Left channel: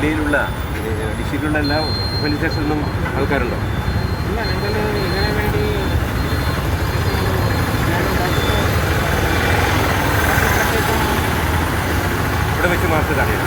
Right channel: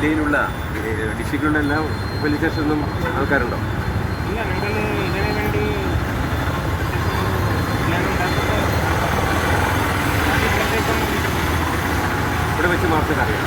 ജില്ലയിലുള്ള ഡിസ്ട്രിക്റ്റിലുള്ള എല്ലാ പോലീസ് സ്റ്റേഷനിലും ആൾക്കാരുണ്ടോ? ഇല്ല, ഞങ്ങൾ ഇതിനു വേണ്ടി ഇവിടെ വെച്ച് മാർക്ക് അറിയാം.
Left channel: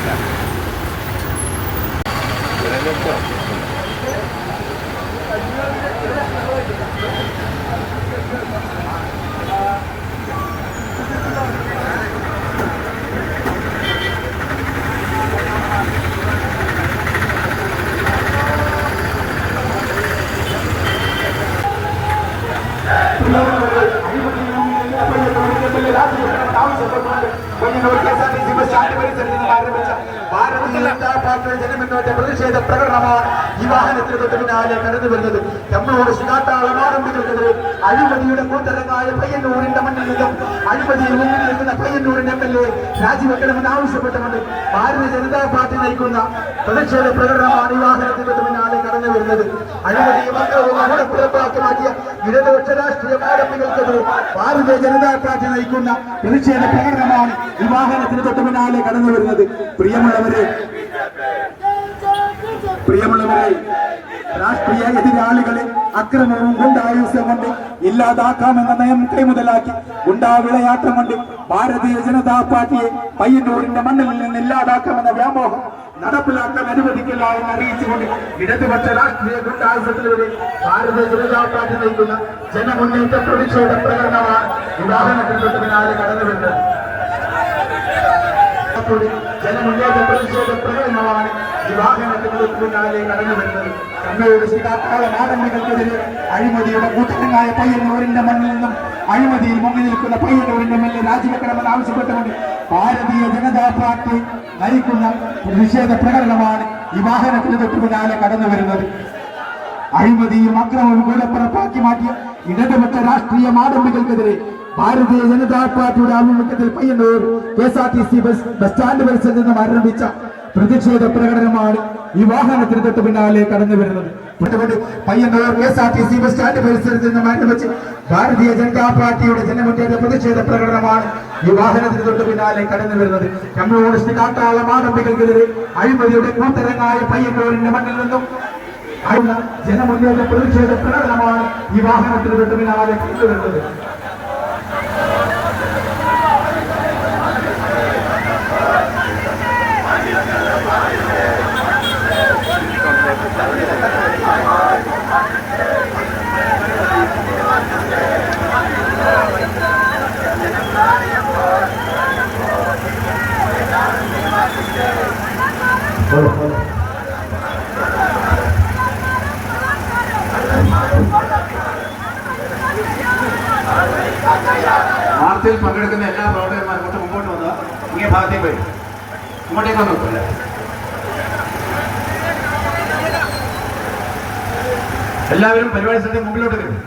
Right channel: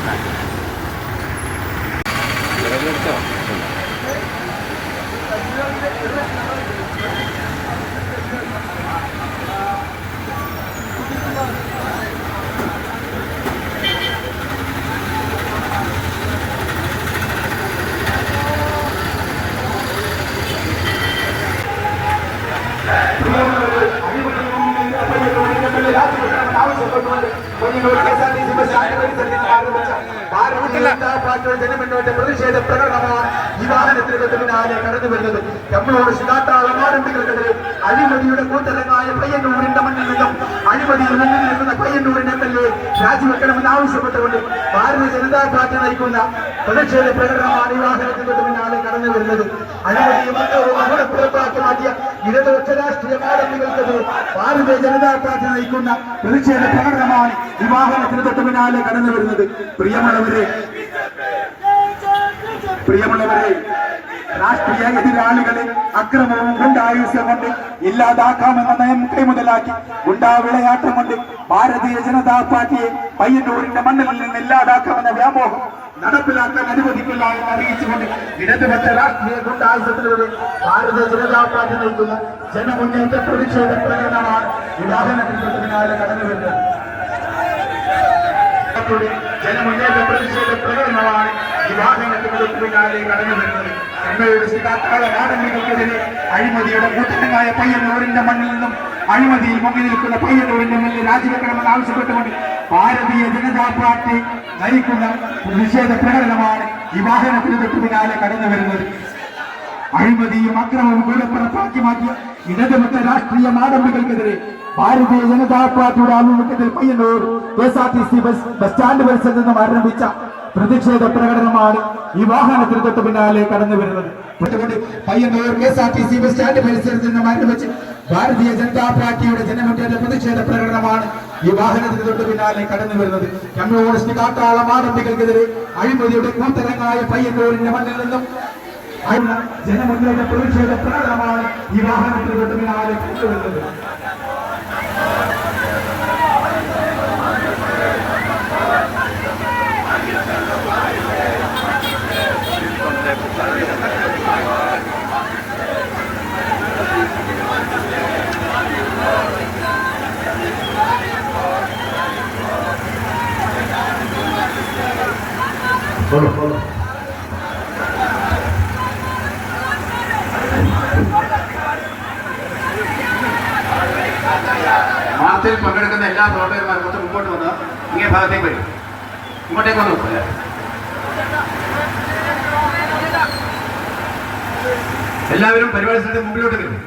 ജനമുന്നേറ്റ പ്രതിഷേധ പ്രകടനമാണ് ഈ വാഹനത്തിന് തൊട്ട് പിന്നാലെ കടന്നു വരുന്നത്. നമ്മളോട് സുധാട്ടാളം ആരംഭികൾക്കെതിരെ അഴിമതിയുടെ കൂട്ടരങ്ങായ പയ്യന്നൂരിന്റെ മണ്ണിൽ നിന്നും അഴിമതിയിൽ മുന്നിൽ നിൽക്കുന്ന പയ്യന്നൂരിന്റെ MLA രാജിവെക്കണമെന്ന് ആവശ്യപ്പെട്ടുകൊണ്ട് ഭാരതീയ ജനതാ പാർട്ടി നയിക്കുന്ന പ്രതിഷേധ പ്രകടനമാണ് ഈ വാഹനത്തിന് തൊട്ട് പിന്നാലെ കടന്നു വരുന്നത്. അഴിമതിയും അംഗവും അവിടെ പുറത്താക്കി മാറ്റിയ ഇടതുപക്ഷ രാഷ്ട്രീയ ആരംഭികൾക്കെതിരെ ഭാരതീയ ജനതാ പാർട്ടി നയിക്കുന്ന പ്രതിഷേധ പ്രകടനമാണ് ഈ വാഹനത്തിന് തൊട്ട് പിന്നാലെ കടന്നു വരുന്നത്. പ്രിയമുള്ളവരെ, രാഷ്ട്രീയ എതിരാളികളെ അക്രമവും ഗുണ്ടായുസം കൊണ്ട് ഇല്ലാതാക്കാമെന്ന നയം കൈമുതലാക്കി ഗുണ്ടാവിളയാട്ടം കൊണ്ട് ഭാരതീയ ജനതാ പാർട്ടിയെ പയ്യന്നൂരിന്റെ മണ്ണിൽ നിന്ന് ഇല്ലാതാക്കാമെന്ന വ്യാമോഹം നടപ്പിലാക്കാൻ അനുവദിക്കില്ല എന്ന് അറിയിച്ചുകൊണ്ട് ഇടതുപക്ഷ രാഷ്ട്രീയ ഗുണ്ടായുസത്തിലൂടെ ഭാരതീയ ജനതാ പാർട്ടി നയിക്കുന്ന ജനമുന്നേറ്റ പ്രതിഷേധ പ്രകടനമാണ് ഈ വാഹനത്തിൽ തൊട്ട് പിന്നാലെ കടന്നു വരുന്നത്. ജനമുന്നേറ്റ പ്രതിഷേധ പ്രകടനമാണ് ഈ വാഹനത്തിന് തൊട്ട് പിന്നാലെ കടന്നു വരുന്നത്. എമ്മയുടെ സുധാട്ടാളം ആരംഭികൾക്കെതിരെ അഴിമതിയുടെ കൂട്ടരങ്ങായ പയ്യന്നൂരിന്റെ മണ്ണിൽ നിന്നും അഴിമതിയിൽ മുങ്ങി നിൽക്കുന്ന പയ്യന്നൂരിന്റെ മണ്ണിൽ രാജിവെക്കണമെന്ന് ആവശ്യപ്പെട്ടുകൊണ്ട് ഭാരതീയ ജനതാ പാർട്ടി നയിക്കുന്ന പ്രതിഷേധ പ്രകടനമാണ് ഈ വാഹനത്തിന് തൊട്ട് പിന്നാലെ കടന്നു വരുന്നത്. അഴിമതിയും അക്രമവും കൊലപ്പുറപ്പാക്കി മാറ്റിയ ഇടതുപക്ഷ രാഷ്ട്രീയ മാടമ്പികൾക്കെതിരെ ഭാരതീയ ജനതാ പാർട്ടിയുടെ ആഭിമുഖ്യത്തിൽ പയ്യന്നൂർ KSRTC ബസ് സ്റ്റാൻഡ് പരിസരത്ത് നിന്നും ആരംഭിച്ച പ്രതിഷേധ പ്രകടനമാണ് ഈ വാഹനത്തിന് തൊട്ട് പിന്നാലെ കടന്നു വരുന്നത്. പയ്യന്നൂർ KSRTC ബസ് സ്റ്റാൻഡ് പരിസരത്ത് നിന്നും ആരംഭിച്ച് ഭാരതീയ ജനതാ പാർട്ടിയുടെ ജനമുന്നേറ്റ പ്രതിഷേധ പ്രകടനമാണ് ഈ വാഹനത്തിന് തൊട്ട് പിന്നാലെ കടന്നു വരുന്നത്. കമ്മ്യൂണിസ്റ്റ് കാട്ടാളം ആരംഭികൾക്കെതിരെ അഴിമതിയുടെ കൂത്തരങ്ങായ പയ്യന്നൂരിന്റെ മണ്ണിൽ നിന്നും ജനമുന്നേറ്റ പ്രതിഷേധ പ്രകടനമാണ് ഈ വാഹനത്തിന് തൊട്ട് പിന്നാലെ കടന്നു വരുന്നത്. മാർച്ചിൽ പങ്കെടുക്കുന്ന എല്ലാ പ്രവർത്തകന്മാരും കുറച്ച് മുമ്പോട്ട് വന്ന് ഇങ്ങനെ ഭാഗത്തേക്ക് വരും. ഇങ്ങോട്ടേക്ക് വന്നു എല്ലാവരും പരിപാടി സ്ഥലത്തെ മുമ്പിലോട്ട് വരും.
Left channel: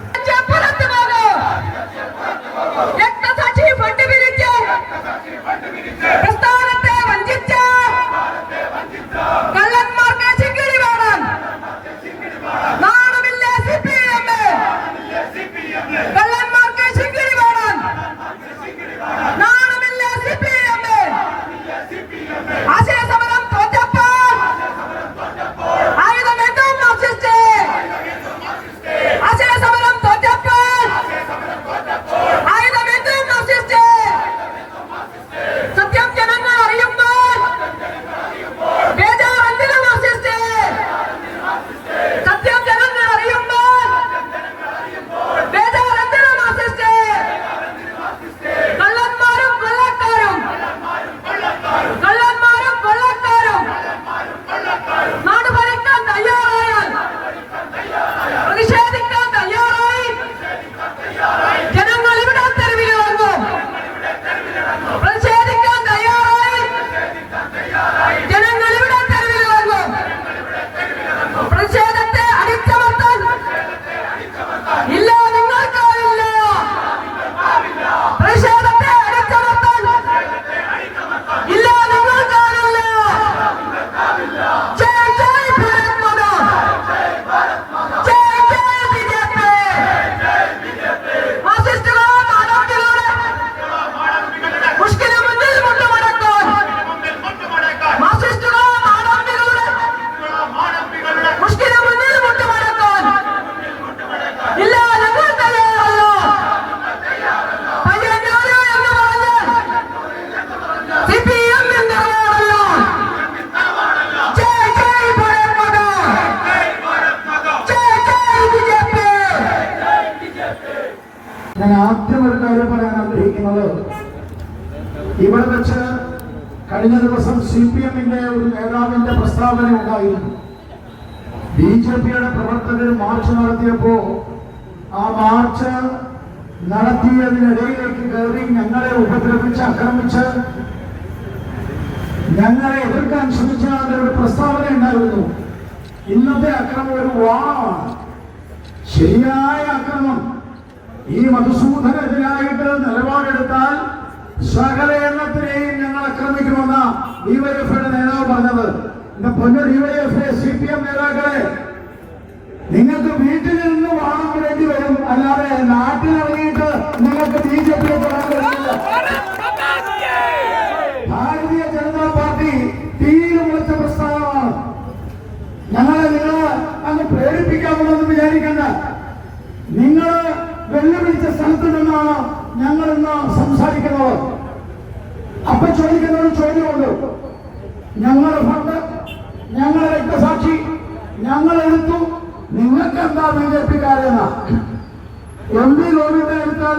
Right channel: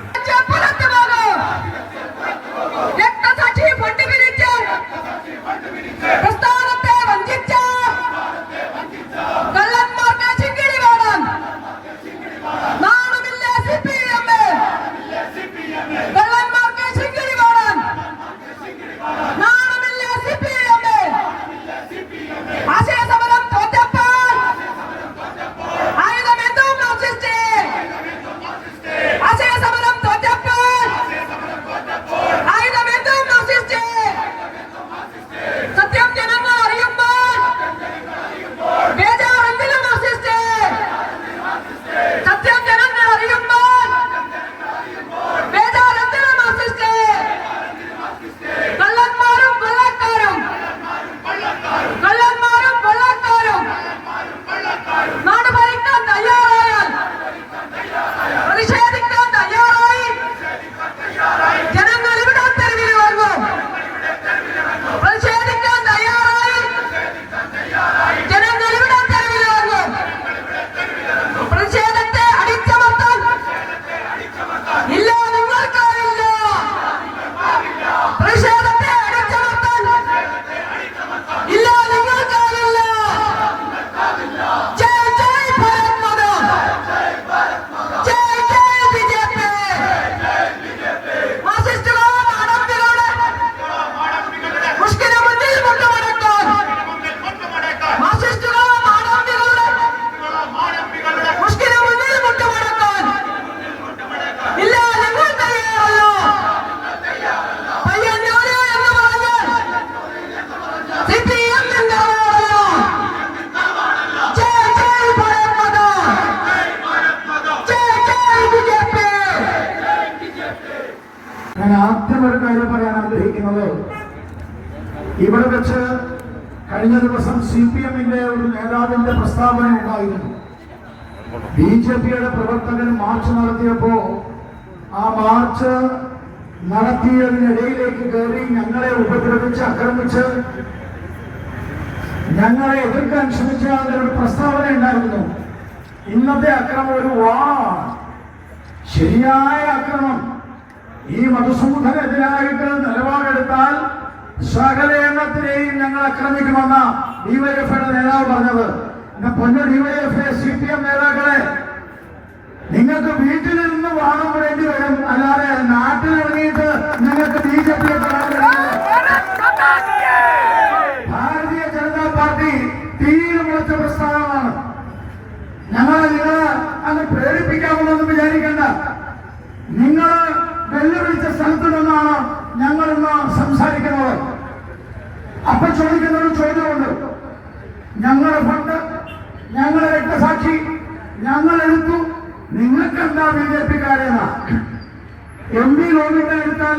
സത്യം ജനങ്ങൾ ഇവിടെ വെച്ച് കഴിഞ്ഞ ദിവസം CPM-ന്റെ ഒരു നേതാവിന്റെ പ്രസ്താവന ഉണ്ടായിരുന്നു. BJP-യുടെ പ്രവർത്തകർ മാർച്ച് നടത്തിയപ്പോ ആ മാർച്ച് നടത്തിയതിനിടയിലേക്ക് കയറി ഞങ്ങളെ ഉപദ്രവിച്ച് ആക്രമിച്ച് ഞങ്ങളെ എതിർക്കാൻ ശ്രമിച്ച ഒരു പ്രസ്താവന ഉണ്ടായിരുന്നു. ഇന്നത്തെ അക്രമം ഒരു വാണമാണ്, ശരിയായ അക്രമം. ഈ മധുസൂദനെതിരായിട്ട് നിലപാടെടുത്താൽ സകല എണ്ണത്തിനെയും ഞങ്ങൾ ആക്രമിക്കുമെന്ന DYFIയുടെ നേതാവ് പറഞ്ഞത്. എന്റെ പൊന്നു DYFI CPM നേതാക്കളെ, നിങ്ങൾക്ക് വീട്ടിൽ നിന്ന് വാണം വേണ്ടി വരും, അല്ലാതെ നാട്ടിലിറങ്ങിയിട്ട് നിങ്ങൾക്ക് BJP-യെ തൊടാൻ കഴിയില്ല. ഭാരതീയ ജനതാ പാർട്ടി തീരെ മുളച്ച പ്രസ്ഥാനമാണ്. നിങ്ങളെ അങ്ങ് പ്രേരിപ്പിക്കാമെന്നൊന്നും വിചാരിക്കണ്ട. നിങ്ങൾ വെല്ലുവിളിച്ച സ്ഥലത്ത് നിന്നാണ് ഞങ്ങൾ ഇന്ന് സംസാരിക്കുന്നത്. അപ്പൊ ചോദിക്കുന്ന ഒരു ചോദ്യമുണ്ട്, ഞങ്ങളുടെ ഫണ്ട്, ഞങ്ങളുടെ രക്തസാക്ഷി ഞങ്ങൾ എടുത്തു, നിങ്ങൾക്ക് എന്താ BJP-ക്കാരെന്ന? MP ഗോവിന്ദൻ എടുത്താൽ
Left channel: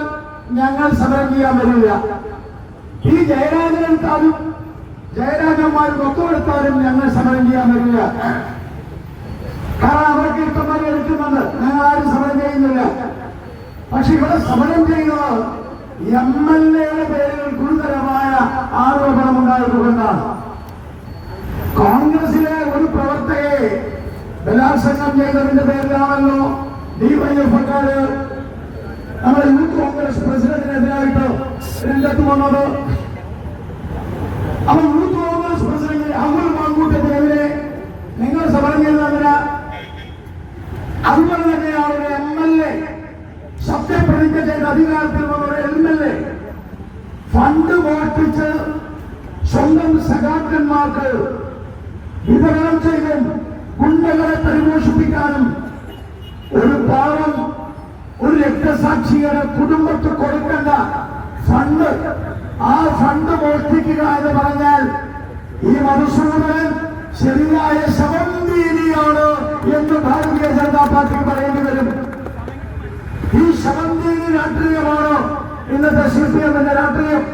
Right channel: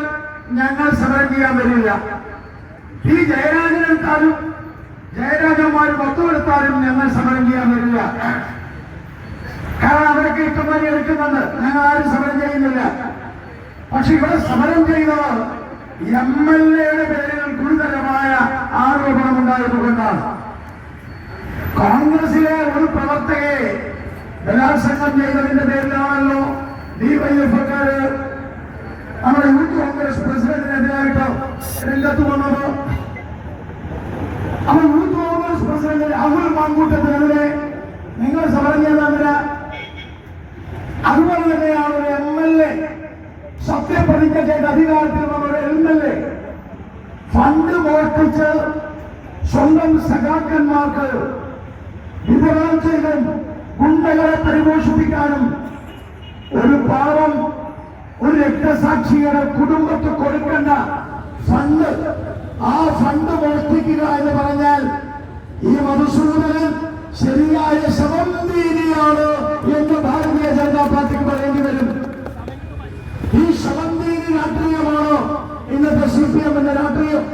ഞങ്ങൾ സമരം ചെയ്യാൻ വരില്ല. ജയരാജൻ എടുത്താലും ജയരാജന്മാർ മൊത്തം എടുത്താലും ഞങ്ങൾ സമരം ചെയ്യാൻ വരില്ല. കാരണം അവരൊക്കെ ഇഷ്ടമായി എടുക്കുന്നുണ്ട്, ഞങ്ങൾ ആരും സമരം ചെയ്യുന്നില്ല. പക്ഷെ ഇവിടെ സമരം ചെയ്യുന്നത് MLA-യുടെ പേരിൽ ഗുരുതരമായ ആരോപണമുണ്ടായതുകൊണ്ടാണ്. കോൺഗ്രസിലെ ഒരു പ്രവർത്തകയെ ബലാത്സംഗം ചെയ്തതിന്റെ പേരിലാണല്ലോ DYFIക്കാര് നമ്മുടെ യൂത്ത് കോൺഗ്രസ് പ്രസിഡന്റിനെതിരായിട്ട് രംഗത്ത് വന്നത്. അപ്പൊ യൂത്ത് കോൺഗ്രസ് പ്രസിഡന്റ് രാഹുൽ മാങ്കൂട്ടത്തിനെതിരെ നിങ്ങൾ സമരം ചെയ്തതിന് അതുപോലെ തന്നെയാണ് ഒരു MLA സത്യപ്രതിജ്ഞ ചെയ്ത അധികാരത്തിൽ വന്ന ഒരു MLA ഫണ്ട് മോഷ്ടിച്ച് സ്വന്തം സഖാക്കന്മാർക്ക് വിതരണം ചെയ്തും ഗുണ്ടകളെ പരിപോഷിപ്പിക്കാനും ഒരു പാവം ഒരു രക്തസാക്ഷിയുടെ കുടുംബത്തിൽ കൊടുക്കേണ്ട ഫണ്ട്, ആ ഫണ്ട് മോഷ്ടിക്കുക എന്ന് പറഞ്ഞാൽ ഈ മധുസൂദനൻ ശരിയായ ശവംനീതിയാണ് എന്ന് ഭാരതീയ ജനതാ പാർട്ടിക്ക് പറയേണ്ടി വരും. ഈ ശവംനീതി രാഷ്ട്രീയമാണോ ഇന്നത്തെ CPM-ന്റെ രാഷ്ട്രീയം?